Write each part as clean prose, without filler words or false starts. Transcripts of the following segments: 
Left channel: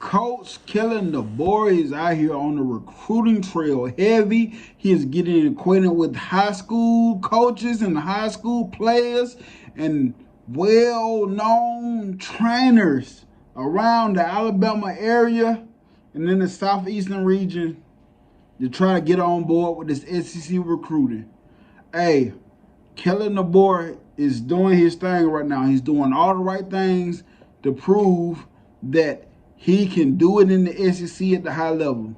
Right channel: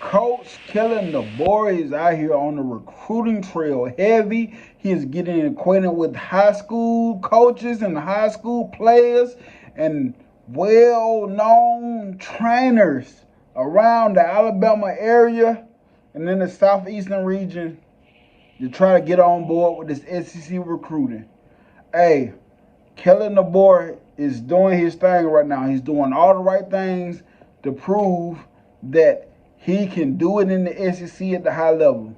Coach Kalen DeBore is out here on the recruiting trail heavy. He is getting acquainted with high school coaches and high school players and well-known trainers around the Alabama area and in the southeastern region to try to get on board with this SEC recruiting. Hey, Kellen DeBoer is doing his thing right now. He's doing all the right things to prove that he can do it in the SEC at the high level.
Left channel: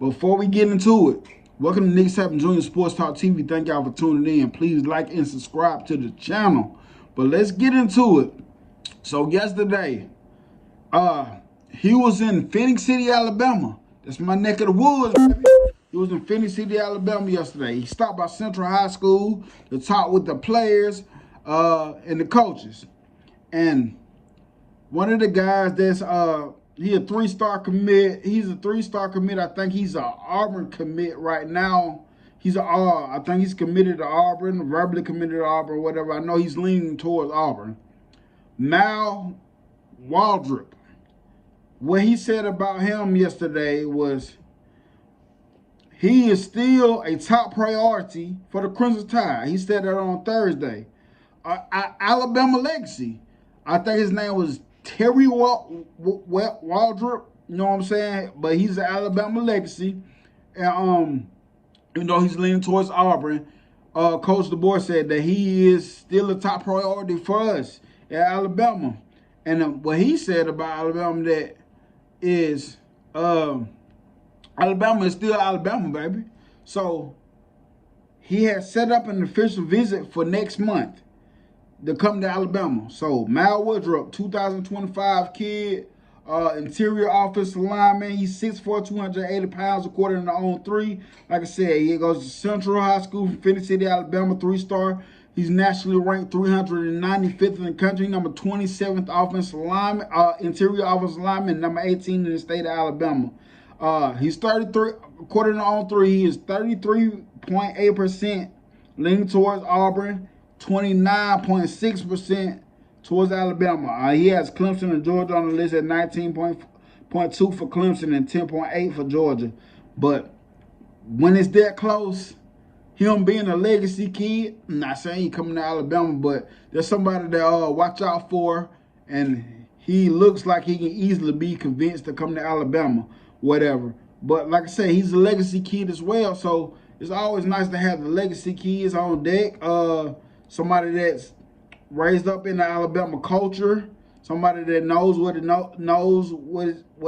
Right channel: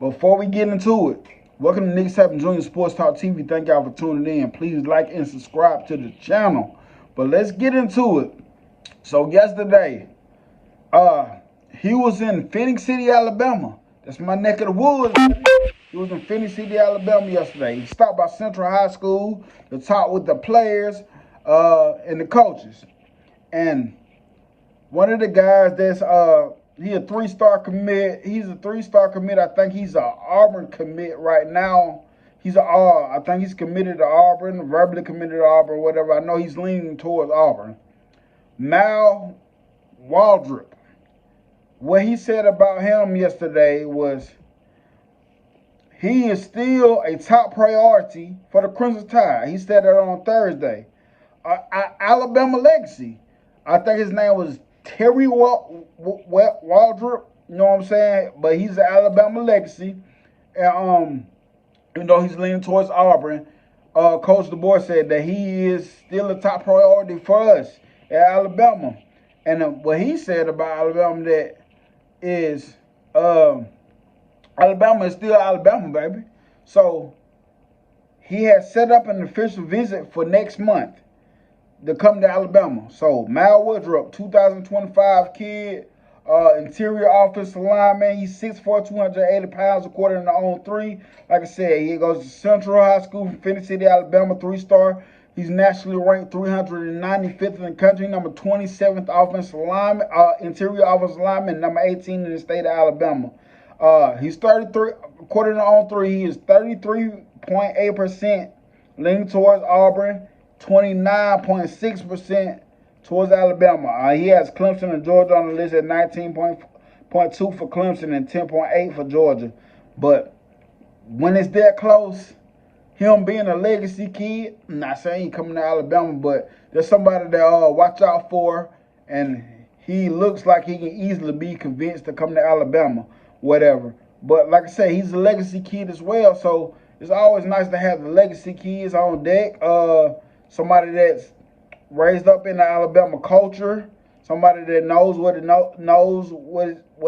Before we get into it, welcome to Nick Sapp Jr. Sports Talk TV. Thank y'all for tuning in. Please like and subscribe to the channel. But let's get into it. So yesterday, he was in Phoenix City, Alabama. That's my neck of the woods, baby. He was in Phoenix City, Alabama yesterday. He stopped by Central High School to talk with the players and the coaches. And one of the guys that's he a three-star commit. He's a three-star commit. I think he's an Auburn commit right now. I think he's committed to Auburn, verbally committed to Auburn, whatever. I know he's leaning towards Auburn. Mal Woodr. What he said about him yesterday was he is still a top priority for the Crimson Tide. He said that on Thursday. Alabama legacy. I think his name was Terry Waldrop, you know what I'm saying? But he's an Alabama legacy. And even though he's leaning towards Auburn, Coach DeBoer said that he is still a top priority for us at Alabama. And what he said about Alabama that is Alabama is still Alabama, baby. So he has set up an official visit for next month to come to Alabama. So Mal Woodr, 2025 kid, interior offensive lineman. He's 6'4", 280 pounds according to On3. Like I said, he goes to Central High School from Phoenix City, Alabama, three-star. He's nationally ranked 395th in the country, number 27th offensive lineman, interior offensive lineman, number 18 in the state of Alabama. He's 33, according to On3, he is 33.8% leaning towards Auburn, 29.6% towards Alabama. He has Clemson and Georgia on the list at 19.2 for Clemson and 10.8 for Georgia. But when it's that close, him being a legacy kid, I'm not saying he coming to Alabama, but there's somebody that watch out for, and he looks like he can easily be convinced to come to Alabama, whatever. But like I said, he's a legacy kid as well, so it's always nice to have the legacy kids on deck. Somebody that's raised up in the Alabama culture, somebody that knows what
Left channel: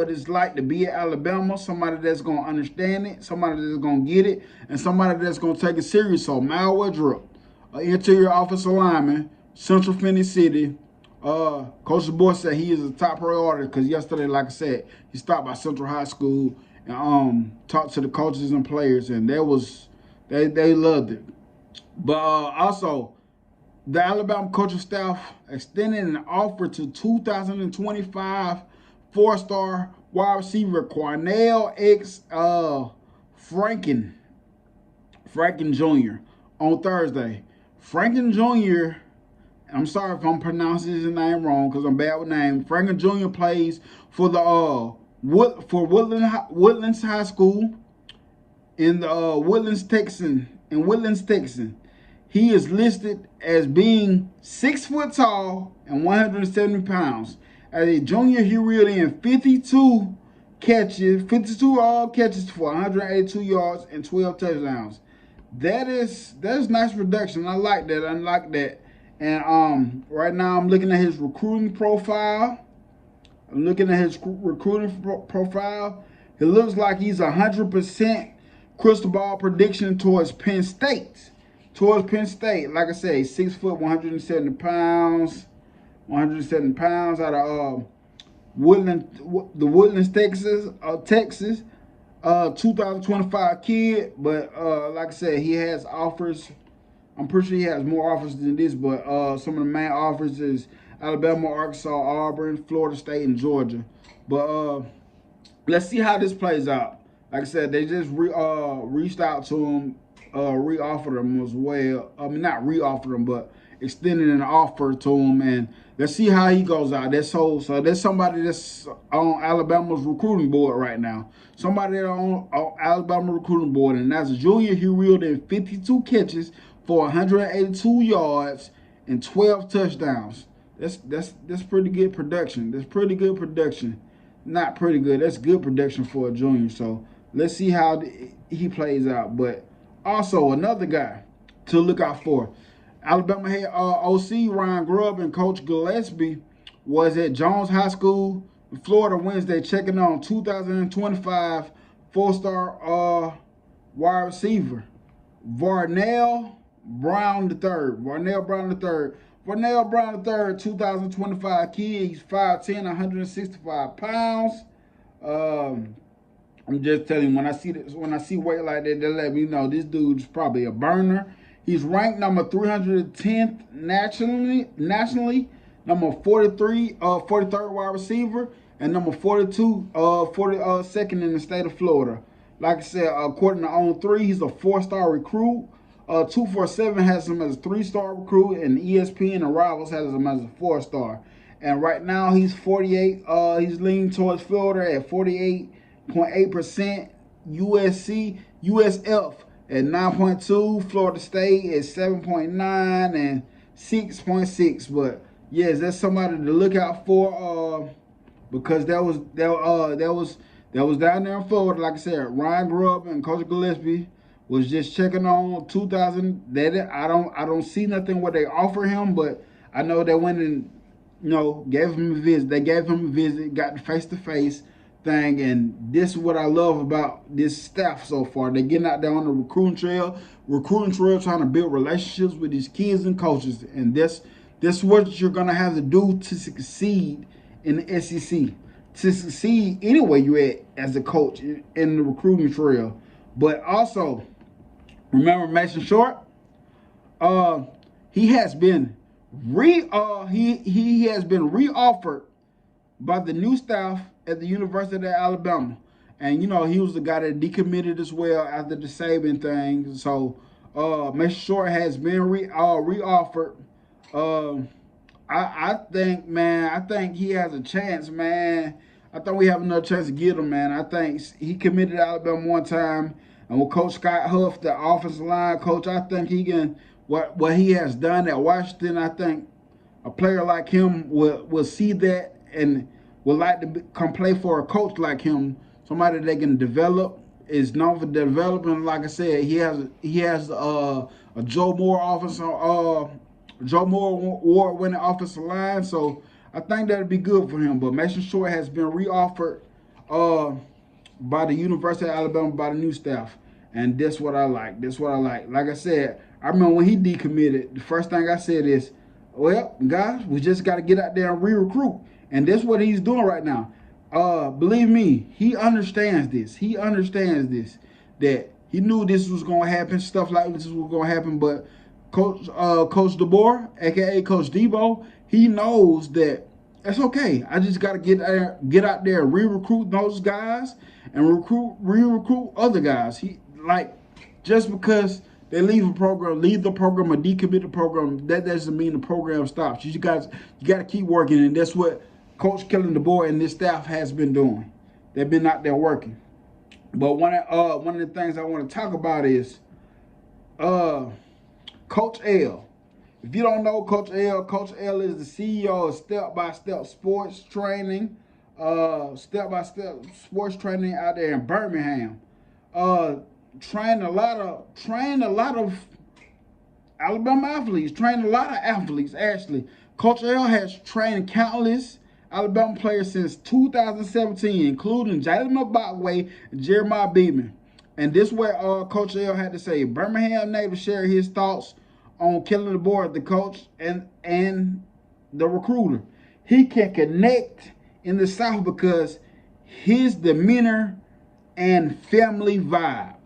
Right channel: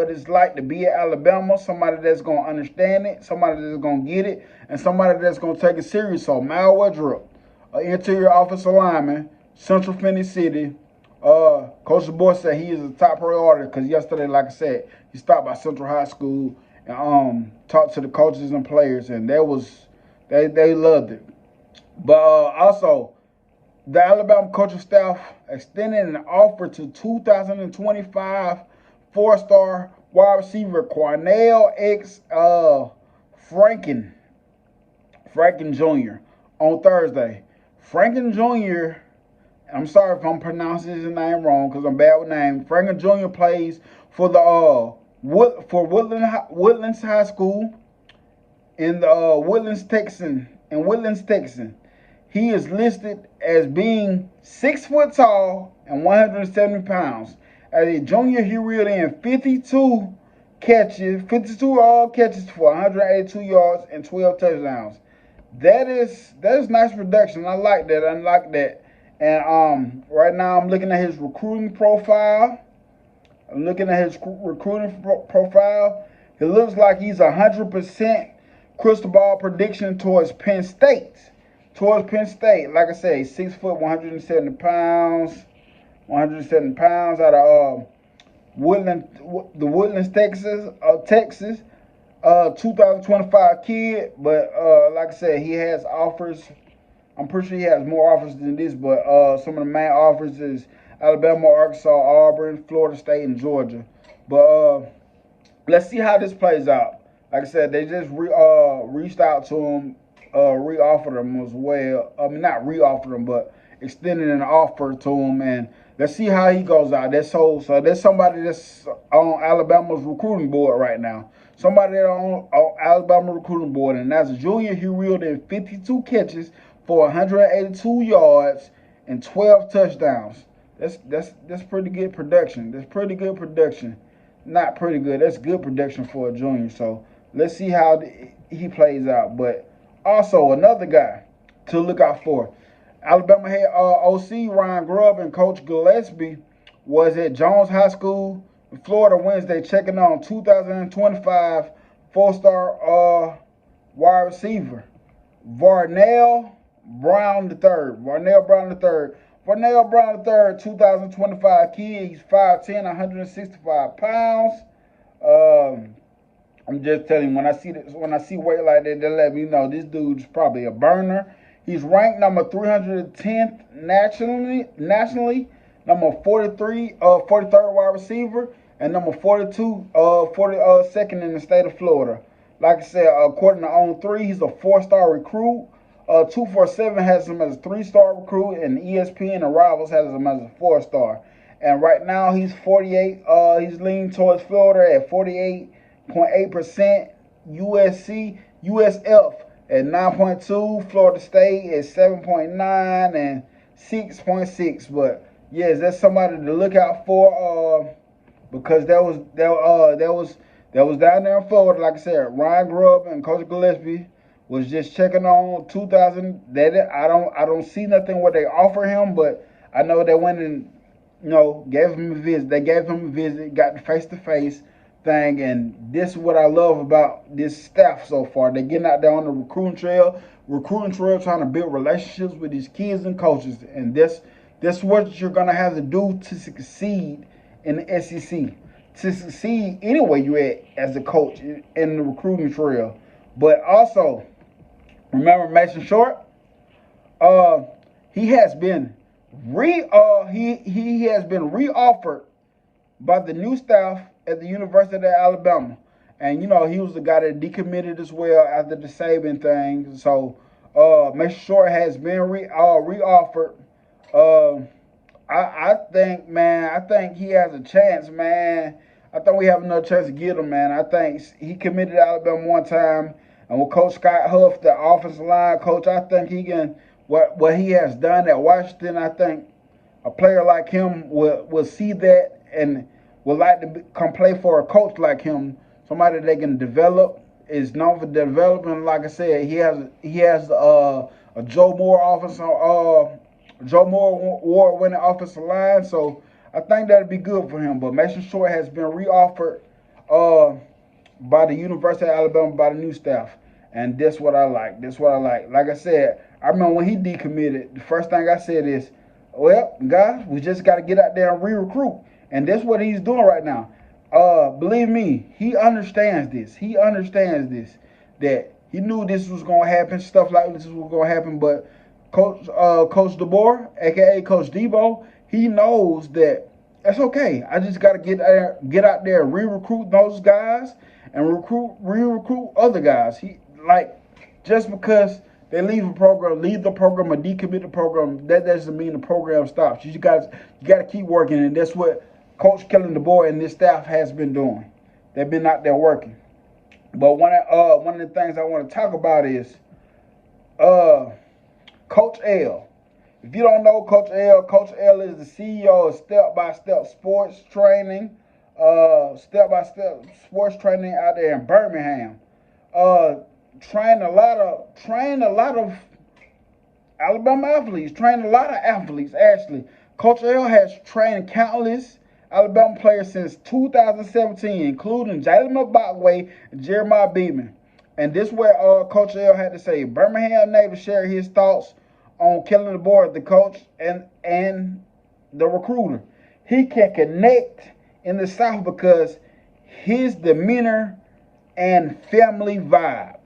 it's like to be at Alabama, somebody that's gonna understand it, somebody that's gonna get it, and somebody that's gonna take it serious. So Mal Woodr, an interior offensive lineman, Central Phoenix City. Coach DeBoer said he is a top priority because yesterday, like I said, he stopped by Central High School and talked to the coaches and players, and they loved it. But also, the Alabama coaching staff extended an offer to 2025 four-star wide receiver Cornell X Franken Jr. on Thursday. Franken Jr., I'm sorry if I'm pronouncing his name wrong because I'm bad with names. Franken Jr. plays for the Woodlands High School in the Woodlands, Texas. He is listed as being 6 foot tall and 170 pounds. As a junior, he reeled in 52 catches for 182 yards and 12 touchdowns. That is nice production. I like that. And right now I'm looking at his recruiting profile. He looks like he's 100% crystal ball prediction towards Penn State. Like I say, 6 foot, 170 pounds out of Woodlands, Texas, 2025 kid. But like I said, he has offers. I'm pretty sure he has more offers than this, but some of the main offers is Alabama, Arkansas, Auburn, Florida State, and Georgia. But let's see how this plays out. Like I said, they just reached out to him, re-offered him as well. I mean, not re-offered him, but extended an offer to him. And let's see how he goes out. So there's somebody that's on Alabama's recruiting board right now. Somebody that's on Alabama recruiting board, and as a junior, he reeled in 52 catches for 182 yards and 12 touchdowns. That's pretty good production. That's pretty good production. Not pretty good. That's good production for a junior. So let's see how he plays out. But also another guy to look out for. Alabama head OC Ryan Grubb and Coach Gillespie was at Jones High School in Florida Wednesday, checking on 2025 four-star wide receiver Varnell Brown III. Varnell Brown III. Varnell Brown III, 2025 kid. He's 5'10", 165 pounds. I'm just telling you, when I see weight like that, they let me know this dude's probably a burner. He's ranked number 310th nationally, number 43rd wide receiver, and number 42nd in the state of Florida. Like I said, according to On3, he's a 4-star recruit. 247 has him as a 3-star recruit, and ESPN and Rivals has him as a 4-star. And right now he's 48. He's leaning towards Florida at 48.8%. USF at 9.2. Florida State at 7.9 and 6.6. But yes, that's somebody to look out for. Because that was down there in Florida. Like I said, Ryan Grubb and Coach Gillespie was just checking on 2000. I don't see nothing what they offer him, but I know they went and gave him a visit. They gave him a visit, got the face-to-face thing, and this is what I love about this staff so far. They're getting out there on the recruiting trail, trying to build relationships with these kids and coaches, and that's what you're gonna have to do to succeed in the SEC, to succeed anywhere you're at as a coach in the recruiting trail. But also, remember Mason Short? He has been reoffered by the new staff at the University of Alabama. And he was the guy that decommitted as well after the Saban thing. So Mason Short has been reoffered. I think he has a chance, man. I think we have another chance to get him, man. I think he committed to Alabama one time, and with Coach Scott Huff, the offensive line coach, I think he can. What he has done at Washington, I think a player like him will see that and would like to come play for a coach like him, somebody they can develop. Is known for development. Like I said, he has a Joe Moore award-winning offensive line, so I think that'd be good for him. But Mason Short has been reoffered by the University of Alabama, by the new staff, and that's what I like. Like I said, I remember when he decommitted, the first thing I said is, well, guys, we just got to get out there and re-recruit, and that's what he's doing right now. Believe me, he understands this. That he knew this was going to happen, stuff like this was going to happen, but Coach DeBoer, a.k.a. Coach Debo, he knows that it's okay. I just got to get out there, re-recruit those guys and re-recruit other guys. Just because they leave the program or decommit the program, that doesn't mean the program stops. You got to keep working, and that's what Coach Kalen DeBore and this staff has been doing. They've been out there working. But one of the things I want to talk about is Coach L. If you don't know Coach L is the CEO of Step-by-Step Sports Training. Step-by-Step Sports Training out there in Birmingham. Trained a lot of Alabama athletes. Trained a lot of athletes, actually. Coach L has trained countless Alabama players since 2017, including Jalen McBotway and Jeremiah Beeman. And this is where Coach L had to say. Birmingham native shared his thoughts on Kalen DeBoer, the coach and the recruiter. He can connect in the South because his demeanor and family vibe.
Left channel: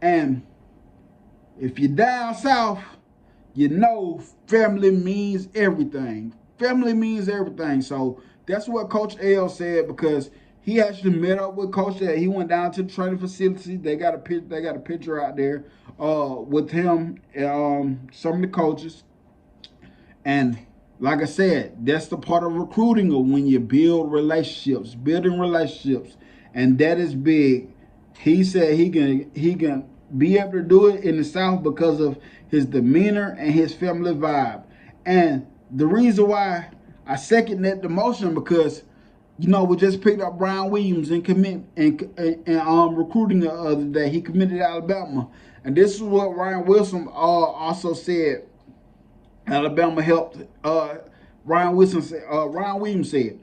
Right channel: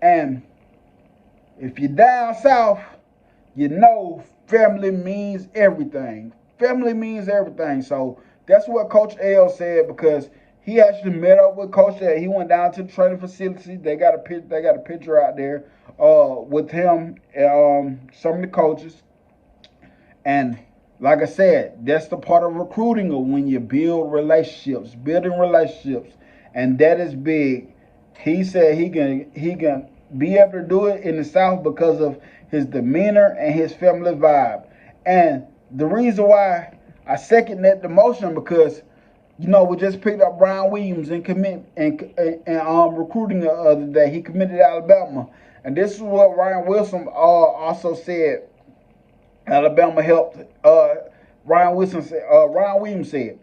And if you're down south, you know family means everything. So that's what Coach L said, because he actually met up with Coach L. He went down to the training facility. They got a picture out there with him and some of the coaches. And like I said, that's the part of recruiting, or when you building relationships, and that is big. He said he can be able to do it in the South because of his demeanor and his family vibe. And the reason why I second that the motion, because we just picked up Brian Williams and recruiting the other day. He committed to Alabama, and this is what Ryan Wilson also said. Alabama helped. Ryan Williams said.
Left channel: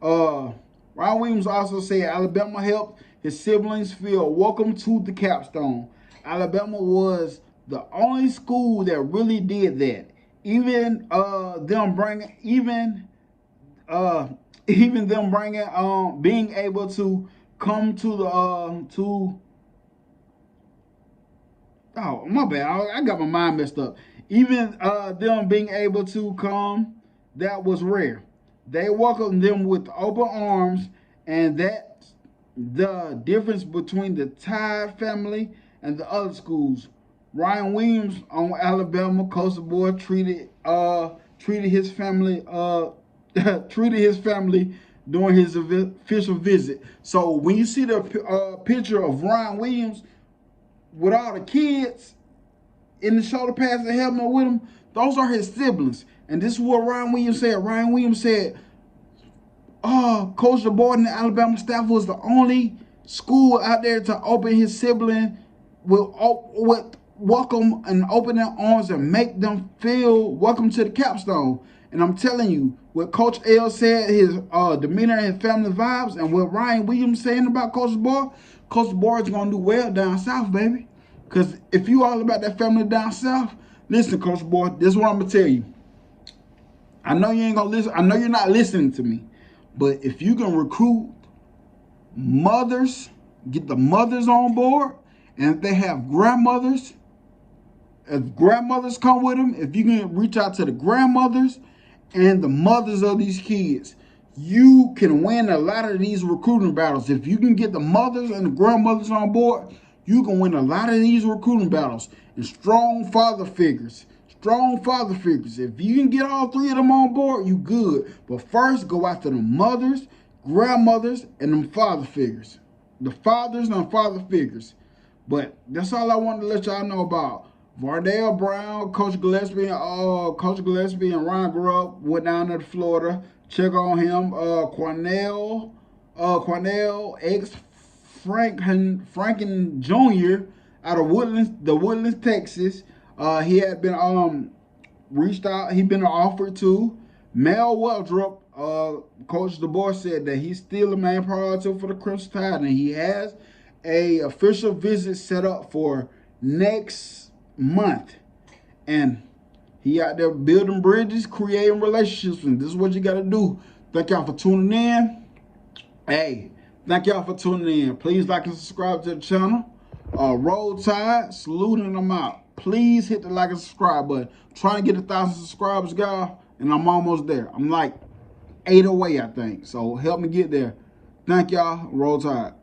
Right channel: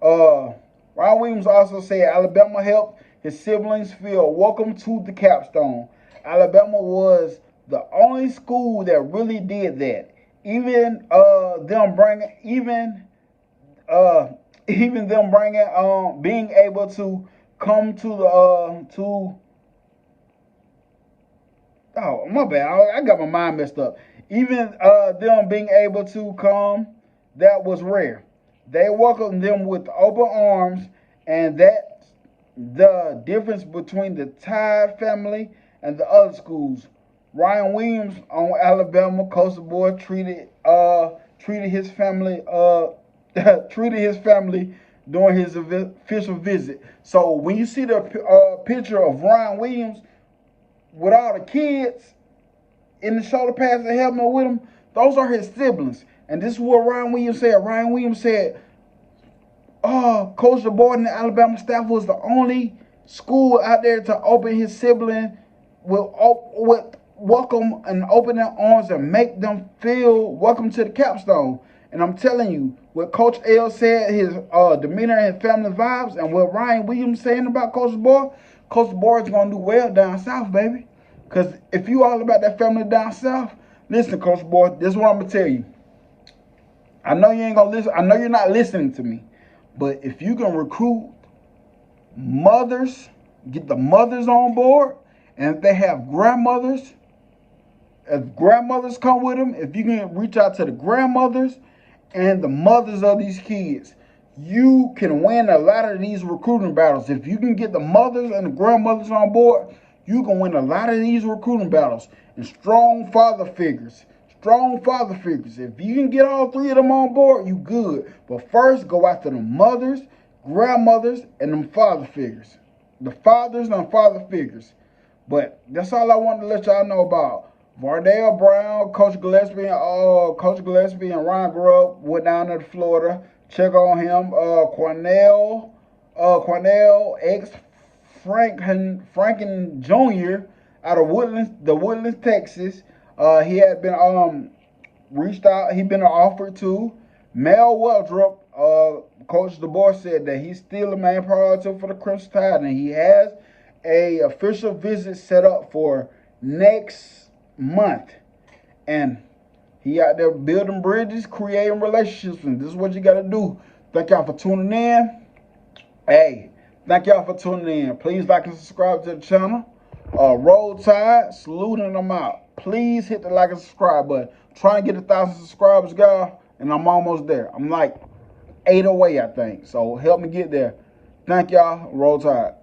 Ryan Williams also said Alabama helped his siblings feel welcome to the capstone. Alabama was the only school that really did that. Even them bringing being able to come to the oh, my bad, I got my mind messed up. Even them being able to come, that was rare. They welcomed them with open arms, and that's the difference between the Tide family and the other schools. Ryan Williams on Alabama, Coach DeBoer treated his family during his official visit. So when you see the picture of Ryan Williams with all the kids in the shoulder pads and helmet with him, those are his siblings. And this is what Ryan Williams said. Ryan Williams said, Coach DeBoer and the Alabama staff was the only school out there to open his sibling with welcome and open their arms and make them feel welcome to the capstone. And I'm telling you, what Coach L said, his demeanor and his family vibes, and what Ryan Williams saying about Coach DeBoer is going to do well down south, baby. Because if you all about that family down south, listen, Coach DeBoer, this is what I'm going to tell you. I know you ain't going to listen. I know you're not listening to me. But if you can recruit mothers, get the mothers on board, and if they have grandmothers, if grandmothers come with them, if you can reach out to the grandmothers and the mothers of these kids, you can win a lot of these recruiting battles. If you can get the mothers and the grandmothers on board, you can win a lot of these recruiting battles. And strong father figures. If you can get all three of them on board, you good. But first, go after the mothers, grandmothers, and them father figures. The fathers and father figures. But that's all I wanted to let y'all know about. Vardell Brown, Coach Gillespie and Ryan Grubb went down to Florida. Check on him. Cornell ex Franken Jr. out of Woodlands, Texas. He had been reached out. He been offered to. Mel Weldrup. Coach DeBoer said that he's still the main priority for the Crimson Tide, and he has a official visit set up for next month. And he out there building bridges, creating relationships, and this is what you got to do. Thank y'all for tuning in. Hey, thank y'all for tuning in. Please like and subscribe to the channel. Roll Tide, saluting them out. Please hit the like and subscribe button. Trying to get 1,000 subscribers, guys, and I'm almost there. I'm like 8 away, I think. So help me get there. Thank y'all. Roll Tide.